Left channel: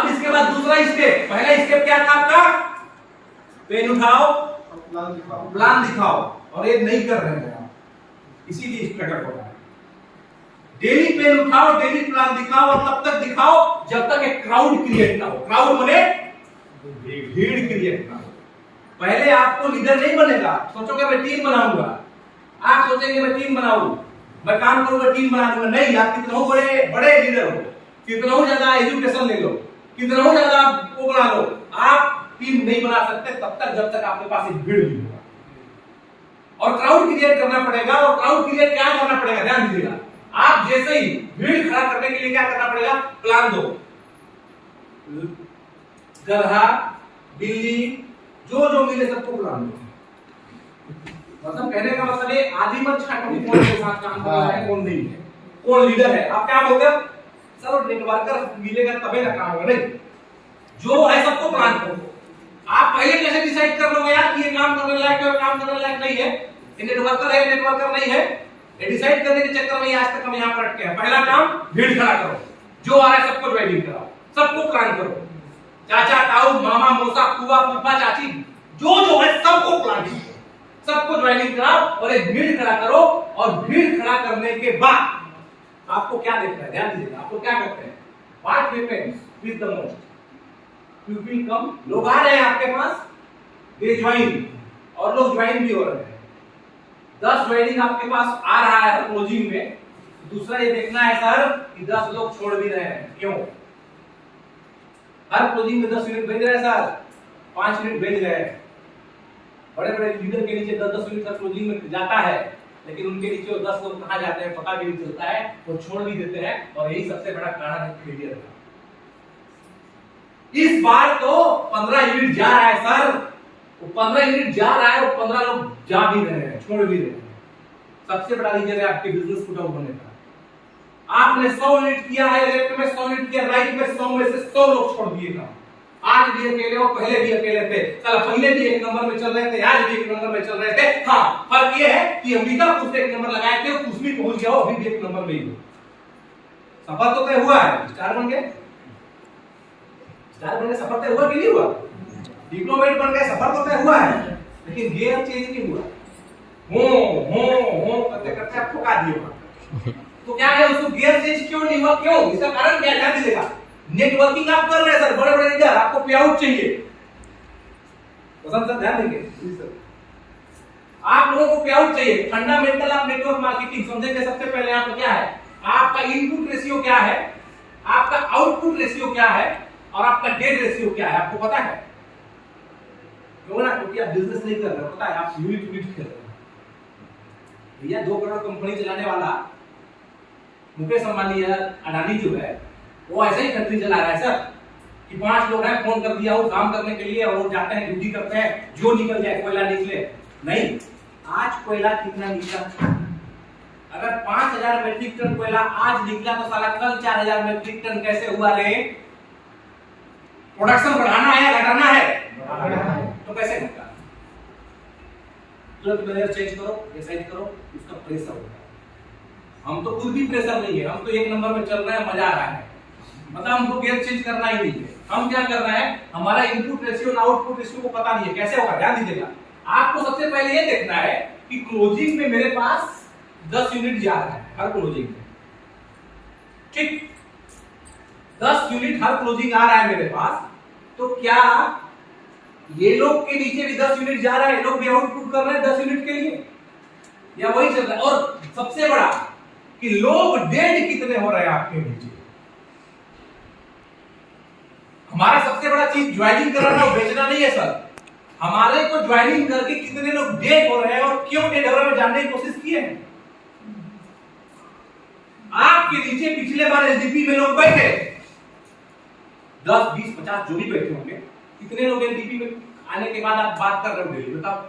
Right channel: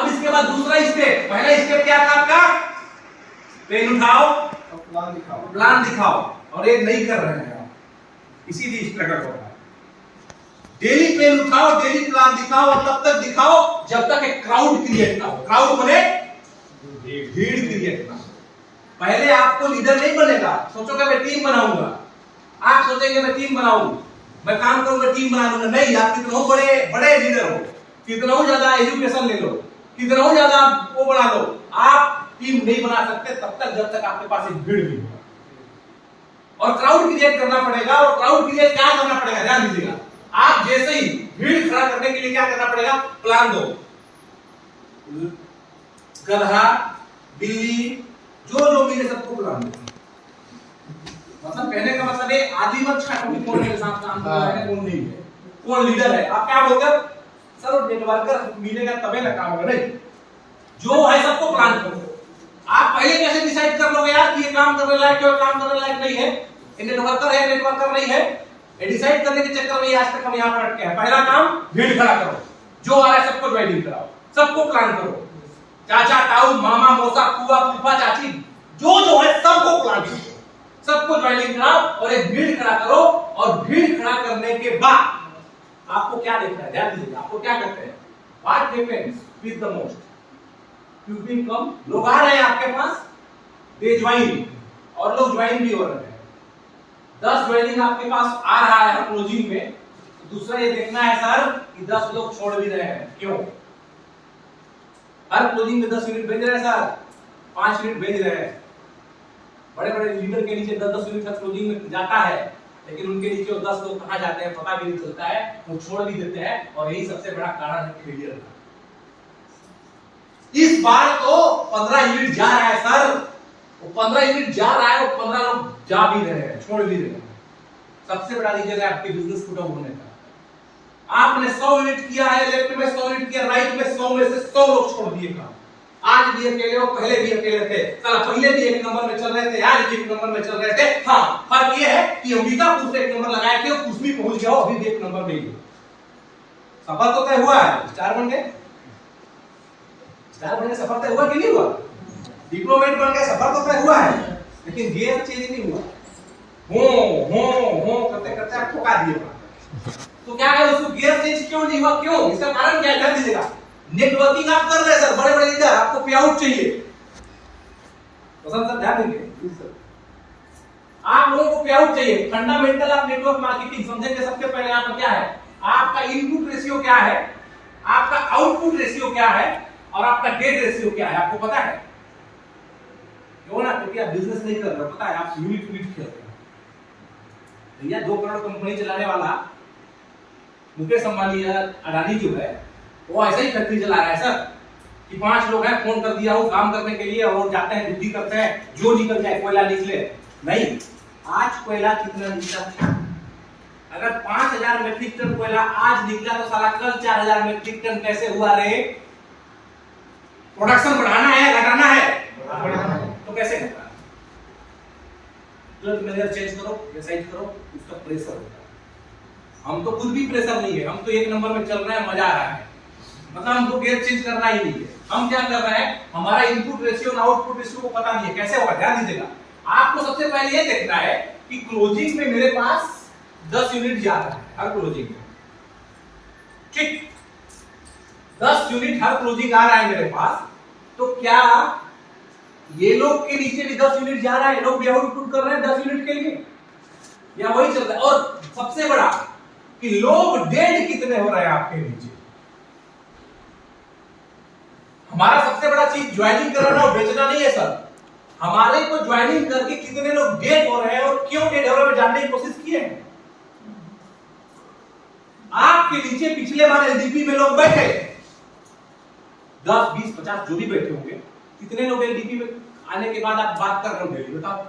अब इसके बाद दूसरा स्टेप, पहला स्टेप क्या था आपका, पेन उठाओ, प्लान दिखाओ, और ये नहीं कर रहे हैं आप, इसीलिए स्ट्रगल हो रहा है। डेली पेन उठाओ, डेली प्लान दिखाओ, और तब तक दिखाओ जब तक एक क्राउड क्रिएट ना हो। क्राउड बने, भीड़ क्रिएट ना हो। पहले आपको लीडर नहीं बनेगा, सोचोगे मैं टीम बनाऊंगा, आप सोचेंगे मैं टीम बनाऊं, मैं काम करूंगा टीम बना दूंगा, नहीं। आप कितना हो बड़े बड़े लीडर हो, कितना हो ज्यादा एजुकेशन ले लो, कितना हो ज्यादा वो बना लो, आप टीम नहीं बना सकते तब तक जब तक आपके पास एक भीड़ नहीं होगा। और क्राउड क्रिएट करना पड़ेगा, और क्राउड क्रिएट क्या करना पड़ेगा, ध्यान दीजिएगा। आप जैसे ही भीड़ खड़ा करने के लिए क्या करना पड़ेगा, प्लान दो। गधा, बिल्ली, जो मिले सबको प्लान दो। मतलब कहने का मतलब है आदि मत छाटो कि कौन के साथ काम कर रहा है, कौन नहीं है, कौन लीडर है। आप क्या बोलते हो, सर नेटवर्कर मिलेगा तबे ना काम होगा, नहीं। जो है सबको प्लान करो। आप पहले कैसे डिसाइड कर लोगे यार कि ये काम करने लायक है, काम करने लायक नहीं है, ये नेटवर्कर है, नेटवर्कर नहीं है। ये डिसाइड करने के चक्कर में आज तक हम यहाँ पर अटके हैं। पहला काम भीड़ खड़ा करो, जो आ रहा है सबको ज्वाइनिंग कराओ, सबको प्लान करो। चाचा ताऊ मामा मौसा फूफा फूफा चाची जो है सबको प्लान करो, सबको ज्वाइनिंग कराओ और एक भीड़ खड़ा करो। और भीड़ खड़ा करने के बाद आपको क्या देखना है, ध्यान दीजिएगा। आपको क्या करते हैं, what happens with the most people come. लोग आ रहे हैं आपके पास, दे ज्वाइन, और लोग ज्वाइन भी हो रहे हैं। 10 ज्वाइनिंग आपके पास आ रहा है क्लोजिंग में, दूसरा ये देखना है सर कि 10 लोग छोड़ भी रहे हैं, क्यों। हर क्लोजिंग में 10 यूनिट भेज रहे हैं सर, 5 यूनिट भेज रहे हैं। बड़े बड़े लीडर के नीचे 10-10 यूनिट तक क्लोजिंग में जाता है, लेकिन उनके नीचे 10 लोग कहां जाते हैं पता भी नहीं चलता है, वो छोड़ भी देते हैं। और यही सबसे बड़ा कारण है फेलियर का। इस बार तो 15 यूनिट जा रहा है सर, वो 15 यूनिट जा रहा है, वो 15 लोग जा भी रहे हैं, छोड़ भी रहे हैं। सबसे बड़ा रीजन है आपके बिजनेस को डाउन होने का। आपने 100 यूनिट किया है, लेफ्ट में 100 यूनिट किया, राइट में 100 में से 100 लोग छोड़ दिए काम। आज भी अकेले हो, पहले भी अकेले थे, चलो पहले भी 1 नंबर में चल रहे थे, आज भी 1 नंबर में चल रहे थे। हाँ, फर्क ये है कि अंबिकापुर से 1 नंबर लगाए थे, कुछ भी पहुंच गया हो, अभी भी 1 नंबर में ही हो। सफर तो तय हुआ है, स्टार बन गए, स्टार बन गए, सफर तय हुआ कि नहीं हुआ। डिप्लोमेट बन गए, सफर तो तय हुआ है, लेकिन गियर चेंज नहीं हुआ। हो करते करते आप ठोका दिए। तो क्या है, उसको गियर चेंज क्यों नहीं हुआ, क्यों, इसका कारण क्या है, ध्यान दीजिएगा। नेटवर्किंग आप कर रहे हैं सर, बड़े बड़े लीडर, आपको पे आउट चाहिए, पसंद सर, ध्यान देंगे। आप लोगों को पे आउट चाहिए। फंडामेंटल आप नेटवर्क मार्केटिंग समझेंगे। सबसे पहले यहाँ पर क्या है, आपका इनपुट रेशियो क्या है, आपका आउटपुट रेशियो क्या है, और आपका डेट रेशियो क्या है, आपको पता है क्यों ना, क्योंकि आप बिजनेस नहीं कर रहे हो, पता है आप यूनिट खेल रहे हो। भैया 2 करोड़ कंपनी चलाने वाला मुकेश अंबानी या अडानी जो है, वो ऐसे ही फैक्ट्री चला रहा है सर कि 5 लोग हैं, फोन कर दिया वो काम करने के लिए, और वो जाते हैं ड्यूटी करते हैं, जो निकल जाए कोयला निकले। नहीं, आज कोयला कितना निकला, अगर 5000 मेट्रिक टन कोयला आज निकला तो साला कल 4000 मेट्रिक टन कैसे हुआ रे। प्रोडक्शन बढ़ाना है घटाना है, तो कैसे होगा। तुरंत मैनेजर चेंज करो या साइज करो, उसका प्रेशर होगा। हम तो खुद भी प्रेशर नहीं है, हम तो 1 नंबर में चल रहे हैं, मजा आ रहा है, मतलब हमको गियर चेंज करना ही नहीं है। हम क्या कर रहे हैं, हमारा इनपुट रेशियो और आउटपुट रेशियो को पता नहीं है, कैसे होगा, ध्यान दीजिएगा। आपको सबसे पहले ये देखना है कि क्लोजिंग में मेरे पास 10 यूनिट जा रहा है हर क्लोजिंग में, ठीक, 10 यूनिट हर क्लोजिंग आ रहा है मेरे पास, तो क्या ये लोग के नीचे भी 10 यूनिट जा रहा है, लोग भी आउटपुट कर रहे हैं 10 यूनिट के लिए, या वही चल रहा है। और सबसे बड़ा कि लोग डेड कितने हो रहे हैं आपके नीचे। हमारा सबसे बड़ा चीज ज्वाइनिंग करना और बेचना नहीं है सर, हमारे को ज्वाइनिंग करके कितने लोग डेड हो रहे हैं और क्यों डेड हो रहे हैं जानने की कोशिश किए हैं। आपके नीचे पिछले बार एलडीपी में लोग बैठे 10, 20, 50 जो भी बैठे होंगे, कितने लोग एलडीपी में आने के बाद आप बात कर रहे हो डेली, बताओ।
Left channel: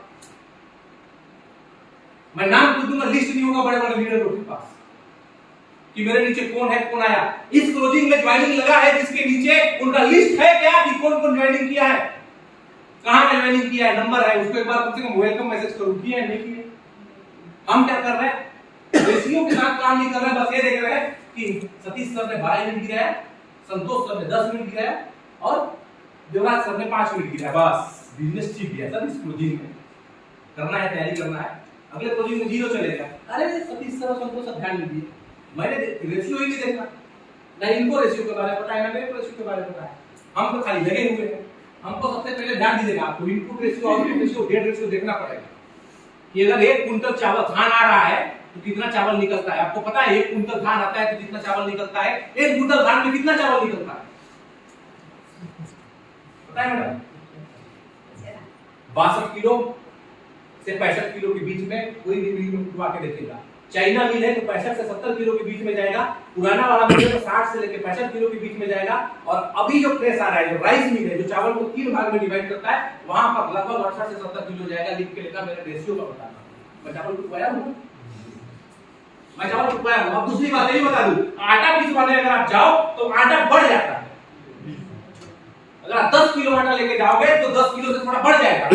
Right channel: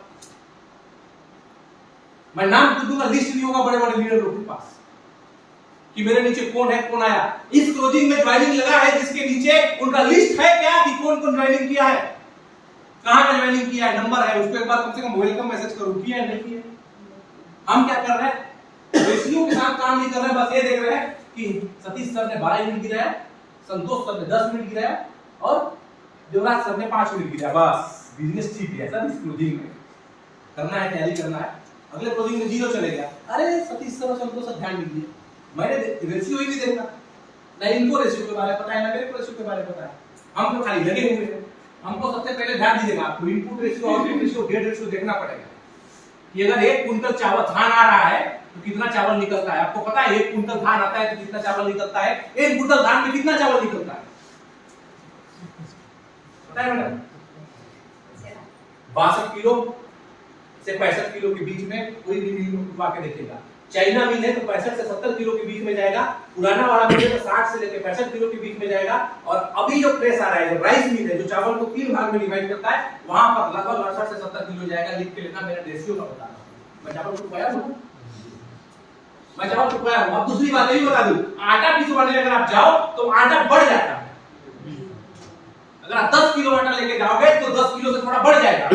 मैं नाम तो दूंगा, लिस्ट नहीं होगा बड़े बड़े लीडर लोग के पास कि मेरे नीचे कौन है, कौन आया। इस क्लोजिंग में ज्वाइनिंग लगा है जिसके नीचे उनका लिस्ट है क्या कि कौन कौन ज्वाइनिंग किया है, कहां पे ज्वाइनिंग किया है, नंबर है, उसको एक बार कम से कम वेलकम मैसेज करो, किया है नहीं किया। हम क्या कर रहे हैं, रेशियो के साथ काम नहीं कर रहे हैं, बस ये देख रहे हैं कि सतीश सर ने 12 यूनिट गिराया, संतोष सर ने 10 यूनिट गिराया, और देवराज सर ने 5 मिनट गिरा, बस बिजनेस ठीक गया सर। इस क्लोजिंग में करना है, तैयारी करना है, अगले क्लोजिंग में 0 चलेगा। अरे सतीश सर संतोष सर ध्यान दीजिए, मैंने रेशियो ही नहीं देखा, ना इनको रेशियो के बारे में पता है ना मेरे को रेशियो के बारे में पता है। हम तो खाली लगे हुए हैं। हमको सबसे पहले ध्यान दीजिएगा, आपको input ratio output ratio gate ratio देखना पड़ेगा कि अगर 1 कुंटल चावल धान आ रहा है तो कितना चावल निकलता है। आपको पता है 1 कुंटल धान आता है तो कितना चावल निकलता है, 1 कुंटल धान में कितना चावल निकलता है पता है मैडम? 62 किलो से 65 किलो के बीच में कोई भी मिल में उठवा के देखेगा। चाइना मिल है तो 65 से 70 किलो के बीच में जाएगा, पुराना वाला मिल है तो 60 से लेकर 65 किलो के बीच में जाएगा। और अभी जो प्रेस आ रहा है, जो राइस मिल है, जो चावल को 3 भाग में डिवाइड करता है, वहां पर लगभग 68 से 70 किलो जाएगा। लिख के लेना, मेरा रेशियो का बता रहा हूं। मैं चावल रुपया हूं, मैं चावल रुपया हूं। अब दूसरी बात ये भी बता दूं, आटा पिसवाने अगर आप जाओ तो आटा बढ़ जाता है। अगर आप 10 किलो आटा लेके जाओगे तो 10 किलो से थोड़ा बढ़ जाएगा।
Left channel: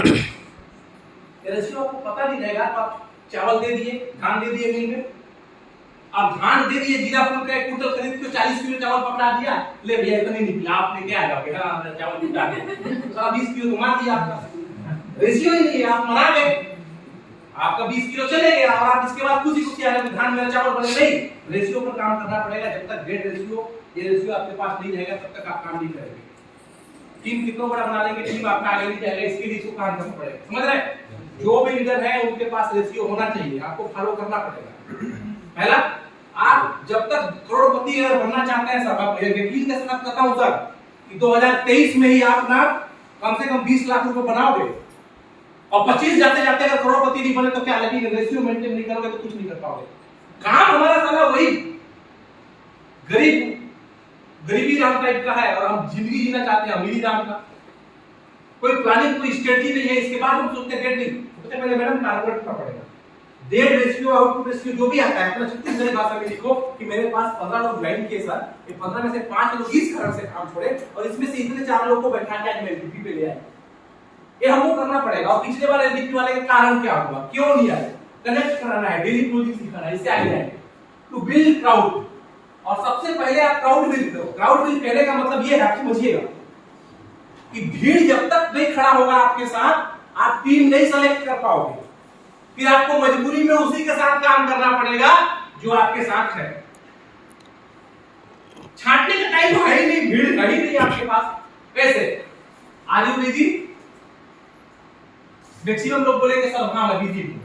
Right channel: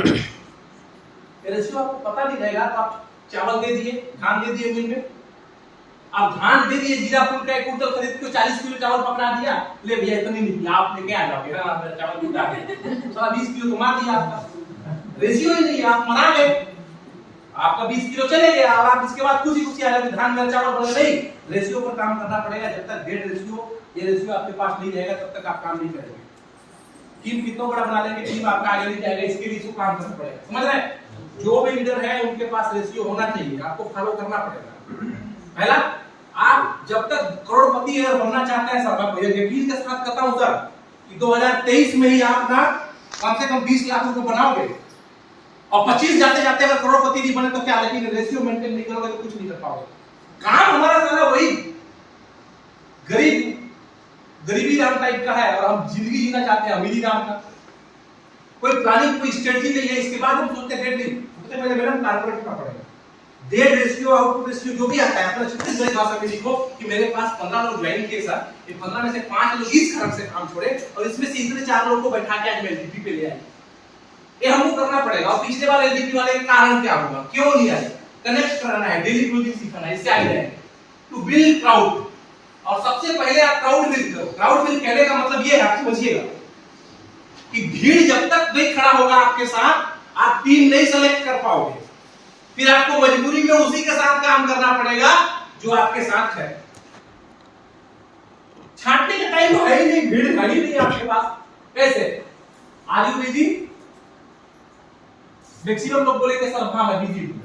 रेशियो आपको पता नहीं रहेगा तो आप चावल दे दिए, धान दे दिए मिल में, अब धान दे दिए, जीरा फूल का 1 कुंटल खरीद के 40 किलो चावल पकड़ा दिया, ले भैया इतना नहीं निकला, आपने क्या आएगा बेटा चावल निकला के सारा 20 किलो तो मार दिया आपका। रेशियो ही नहीं है, आप मरा गए, आपका 20 किलो चले गया और आप इसके बाद खुशी खुशी आ रहे धान मेरा चावल बने। नहीं, रेशियो पर काम करना पड़ेगा। जब तक गेट रेशियो, ये रेशियो आपके पास नहीं रहेगा तब तक आप काम नहीं करेंगे। टीम कितना बड़ा बना लेंगे, टीम आपका आगे नहीं जाएगा, इसके लिए काम करना पड़ेगा। समझ रहे हैं? जो भी लीडर है उनके पास रेशियो होना चाहिए, आपको फॉलो करना पड़ेगा। पहला, आप जब तक करोड़पति अगर बनना चाहते हैं सर, मैं यकीन के साथ कहता हूं सर कि 2023 में ही आप ना कम से कम 20 लाख रुपए बनाओगे और 25 जाते जाते अगर करोड़पति नहीं बने तो क्या, लेकिन रेशियो मेंटेन नहीं करोगे तो कुछ नहीं कर पाओगे। काम हमारा सारा वही गरीबी राम टाइप का है और हम जिंदगी जीना चाहते हैं अमीरी राम का। कोई प्लानिंग, कोई स्ट्रेटजी नहीं है। इसके बाद हम सोचते हैं डेट नहीं, सोचते मेरे मैडम कारपोरेट का पड़ेगा। डेट रेशियो, आउटपुट रेशियो जो भी आता है अपना छत्तीसगढ़ी भाषा में लिखो कि मेरे पास 15 लोग ज्वाइन किए सर, ये 15 में से 5 लोग इस कारण से काम छोड़े और इसमें से इतने 4 लोगों को बैठा के आज मैं एलडीपी पे ले आए। ये हमको करना पड़ेगा। और पिछले बार एलडीपी वाले का कारण क्या हुआ, क्यों नहीं आए, कनेक्ट कराना है, डेली क्लोजिंग सीखना है, इससे आगे रहेंगे। टू बिल्ड क्राउड, और सबसे पहले आप क्राउड बिल्ड करो। क्राउड बिल्ड कहने का मतलब ये है, आप समझिएगा कि भीड़ जब तक नहीं खड़ा होगा आपके साथ, आप टीम नहीं सेलेक्ट कर पाओगे। फिर आपको मजबूरी में उसी के साथ काम करना पड़ेगा जो आपके साथ है। छांटने का टाइम है ही नहीं, भीड़ है ही नहीं आपके पास। कैसे? Are you busy? मैक्सिमम लोग बोलेंगे सर हाँ मैं बिजी हूं।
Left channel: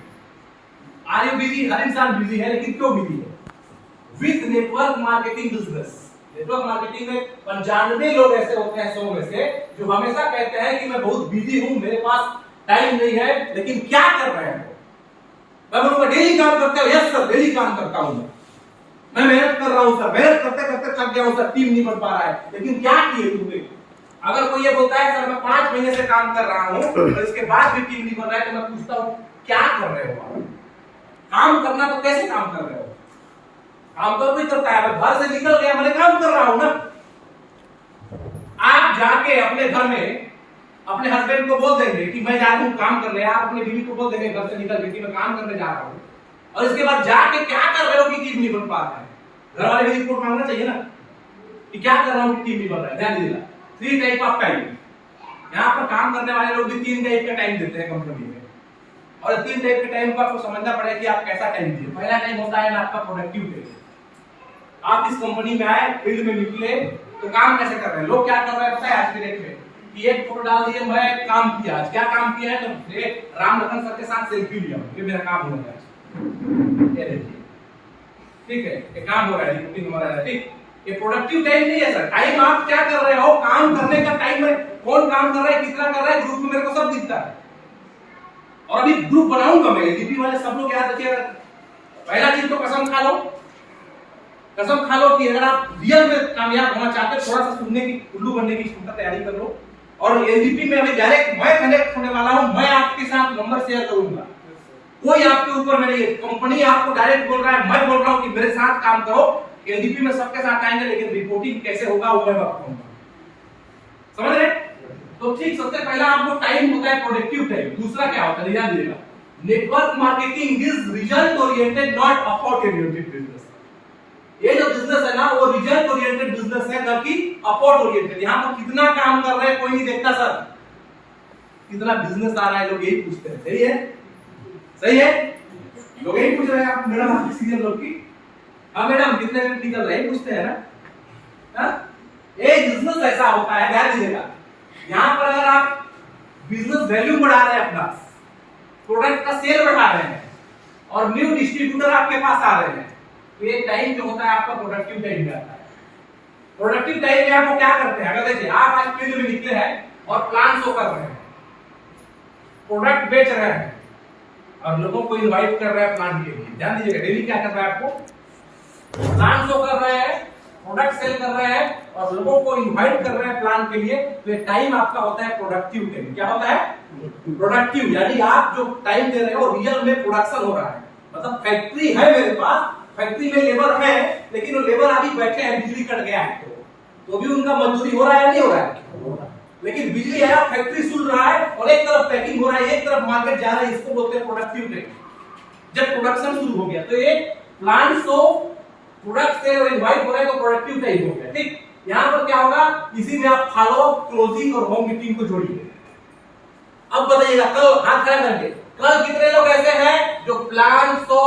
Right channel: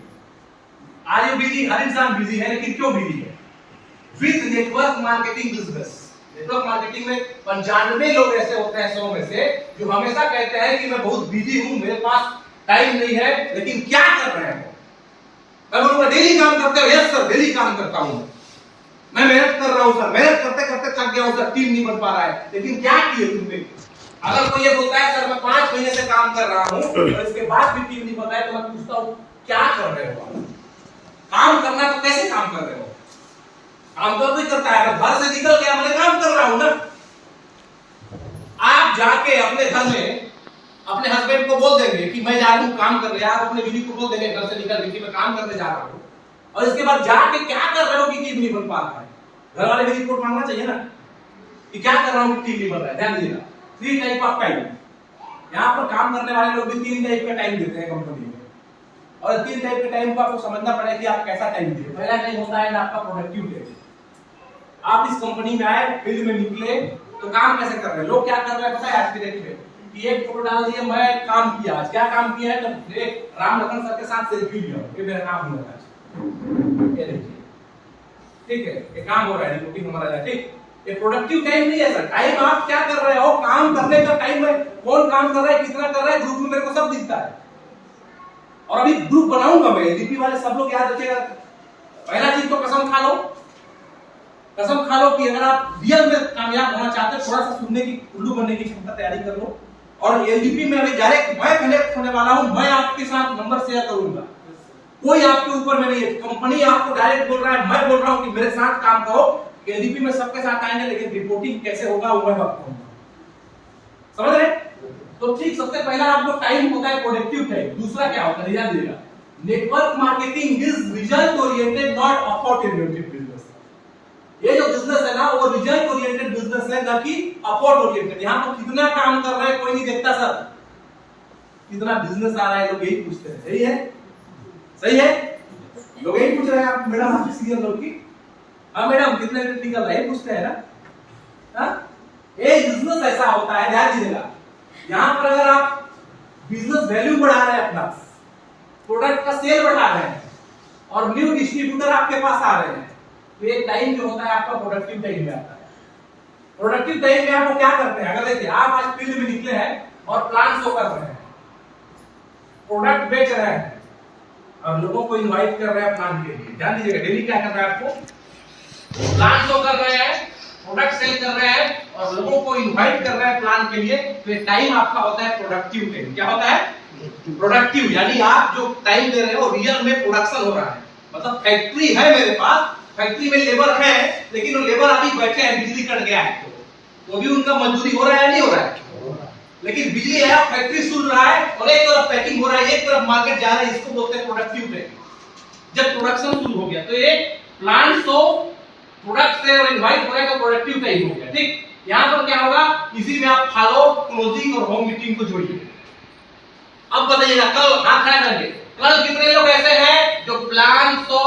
Are you busy? हर इंसान बिजी है, लेकिन क्यों बिजी है? With network marketing business. Network marketing में 95 लोग ऐसे होते हैं 100 में से जो हमेशा कहते हैं कि मैं बहुत बिजी हूं, मेरे पास टाइम नहीं है, लेकिन क्या कर रहे हैं? मैं बोलूंगा डेली काम करते हो? यस सर डेली काम करता हूं, मैं मेहनत कर रहा हूं सर, मेहनत करते करते थक गया हूं सर, टीम नहीं बन पा रहा है, लेकिन क्या किए तुमने? अगर कोई ये बोलता है सर मैं 5 महीने से काम कर रहा हूं और इसके बाद भी टीम नहीं बन रहा है, तो मैं पूछता हूं क्या कर रहे हो आप? काम करना तो कैसे काम कर रहे हो? काम तो कोई करता है, घर से निकल गया मैंने काम कर रहा हूं ना। आप जाके अपने घर में अपने हस्बैंड को बोल देंगे कि मैं जा रहा हूं काम करने, आप अपने बीवी को बोल देंगे घर से निकल के कि मैं काम करने जा रहा हूं, और इसके बाद जाके क्या कर रहे हो कि टीम नहीं बन पा रहा है? घर वाले भी रिपोर्ट मांगना चाहिए ना कि क्या कर रहा हूं कि टीम नहीं बन रहा है। ध्यान दीजिएगा, 3 टाइप ऑफ टाइम। यहाँ पर काम करने वाले लोग भी 3 टाइप का टाइम देते हैं कंपनी में, और 3 टाइप के टाइम को आपको समझना पड़ेगा कि आप कैसा टाइम दिए। पहला टाइम होता है ना आपका प्रोडक्टिव टाइम। आप इस कंपनी में आए, फील्ड में निकले तो काम कैसे कर रहे हैं? लोग क्या कर रहे हैं पता है आज के डेट में कि एक फोटो डाल दिए मैं काम किया, आज क्या काम किया है तो राम लखन सर के साथ सेल्फी लिया, ये मेरा काम हुआ है आज, ये देखिए ठीक है, ये काम हो रहा है, रिपोर्टिंग हमारा है ठीक। ये प्रोडक्टिव टाइम नहीं है सर। टाइम आप क्या कर रहे हो, काम करने का टाइम है, कौन काम कर रहा है, कितना कर रहा है, ग्रुप में मेरे को सब दिखता है। और अभी ग्रुप बनाऊंगा मैं, एलडीपी वाले सब लोग याद रखिएगा, पहला चीज तो कसम खा लो, कसम खा लो कि अगर आप रियल में कामयाब होना चाहते हो, थोड़ा सा सुनने की, उल्लू बनने की क्षमता तैयारी कर लो। और एलडीपी में अभी डायरेक्ट मैं कनेक्ट होने वाला हूं, मैं आपके साथ नंबर शेयर करूंगा, कोई आपके ऊपर में नहीं है, कंपनी आपको डायरेक्ट बोल रहा है, मैं बोल रहा हूं कि मेरे साथ काम करो। एलडीपी में सबके साथ आएंगे, लेकिन रिपोर्टिंग कैसे होगा वो मैं बताऊंगा, समझ रहे? तो ठीक, सबसे पहला आपको टाइम होता है प्रोडक्टिव टाइम। दूसरा क्या होता है ध्यान दीजिएगा, network marketing is result oriented not effort oriented business. ये जो बिजनेस है ना वो रिजल्ट ओरिएंटेड बिजनेस है, है न कि अपवर्ड ओरिएंटेड। यहां पर कितना काम कर रहे हैं कोई नहीं देखता सर, कितना बिजनेस आ रहा है लोग यही पूछते हैं। सही है, सही है, लोग यही पूछ रहे हैं आप मैडम आपकी सीरियल लोग की, हाँ मैडम कितने मिनट निकल रहे हैं पूछते हैं ना। ये बिजनेस ऐसा होता है, ध्यान दीजिएगा। यहां पर अगर आप बिजनेस वैल्यू बढ़ा रहे हैं, अपना प्रोडक्ट का सेल बढ़ा रहे हैं और न्यू डिस्ट्रीब्यूटर आपके पास आ रहे हैं, तो ये टाइम जो होता है आपका प्रोडक्टिव टाइम में आता है। प्रोडक्टिव टाइम में आपको क्या करते हैं, अगर देखिए आप आज फील्ड में निकले हैं और प्लान शो कर रहे हैं, प्रोडक्ट बेच रहे हैं और लोगों को इनवाइट कर रहे हैं प्लान के लिए। ध्यान दीजिएगा, डेली क्या कर रहा है, आपको प्लान शो कर रहे हैं, प्रोडक्ट सेल कर रहे हैं और लोगों को इनवाइट कर रहे हैं प्लान के लिए। तो ये टाइम आपका होता है प्रोडक्टिव टाइम। क्या होता है, प्रोडक्टिव, यानी आप जो टाइम दे रहे हो रियल में प्रोडक्शन हो रहा है। मतलब फैक्ट्री है मेरे पास, फैक्ट्री में लेबर है, लेकिन वो लेबर अभी बैठे हैं, बिजली कट गया है तो भी उनका मजदूरी हो रहा है या नहीं हो रहा है, लेकिन बिजली है, फैक्ट्री सुन रहा है और एक तरफ पैकिंग हो रहा है, एक तरफ मार्केट जा रहा है, इसको बोलते हैं प्रोडक्टिव टाइम। जब प्रोडक्शन शुरू हो गया तो ये प्लांट तो प्रोडक्ट से और इनवाइट हो रहा है तो प्रोडक्टिव टाइम हो गया। ठीक, यहां पर क्या होगा, इसी में आप फॉलो, क्लोजिंग और होम मीटिंग को जोड़िए। अब बताइएगा, कल हाथ खड़ा करेंगे, कल कितने लोग ऐसे हैं जो प्लान तो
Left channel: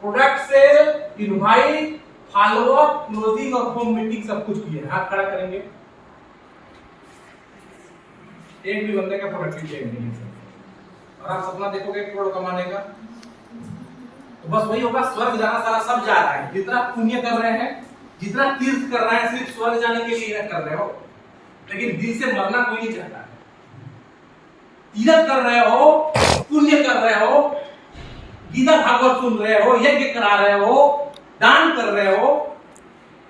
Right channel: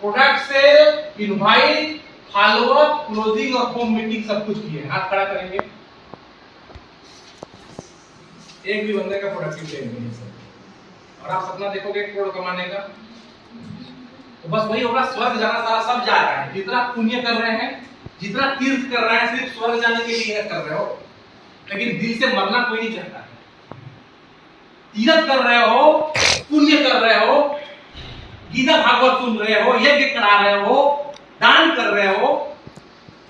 product sale, invite, follow up, closing और होम मीटिंग सब कुछ किए? हाथ खड़ा करेंगे। एक भी बंदे का प्रोडक्टिव टाइम नहीं है सर। और आप सपना देखोगे 1 करोड़ कमाने का, तो बस वही होगा, स्वर्ग जाना सारा सब जा रहा है। जितना पुण्य कर रहे हैं, जितना तीर्थ कर रहे हैं, सिर्फ स्वर्ग जाने के लिए कर रहे हो, लेकिन दिल से मरना कोई नहीं चाहता है। तीर्थ कर रहे हो, पुण्य कर रहे हो, गीता भागवत सुन रहे हो, यज्ञ करा रहे हो, दान कर रहे हो,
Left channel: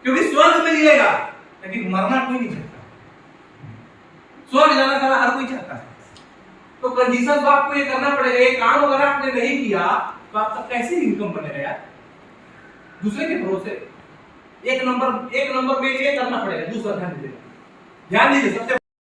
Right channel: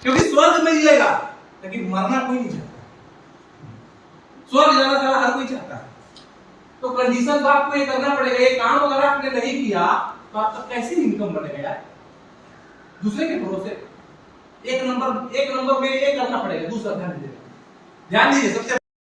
क्योंकि स्वर्ग में मिलेगा, लेकिन मरना कोई नहीं चाहता। स्वर्ग जाना सारा हर कोई चाहता है। तो कंडीशन तो आपको ये करना पड़ेगा। ये काम अगर आपने नहीं किया तो आपका कैसे इनकम बनेगा यार, दूसरे के भरोसे। एक नंबर में ये करना पड़ेगा। दूसरा ध्यान दीजिए, ध्यान दीजिए, सबसे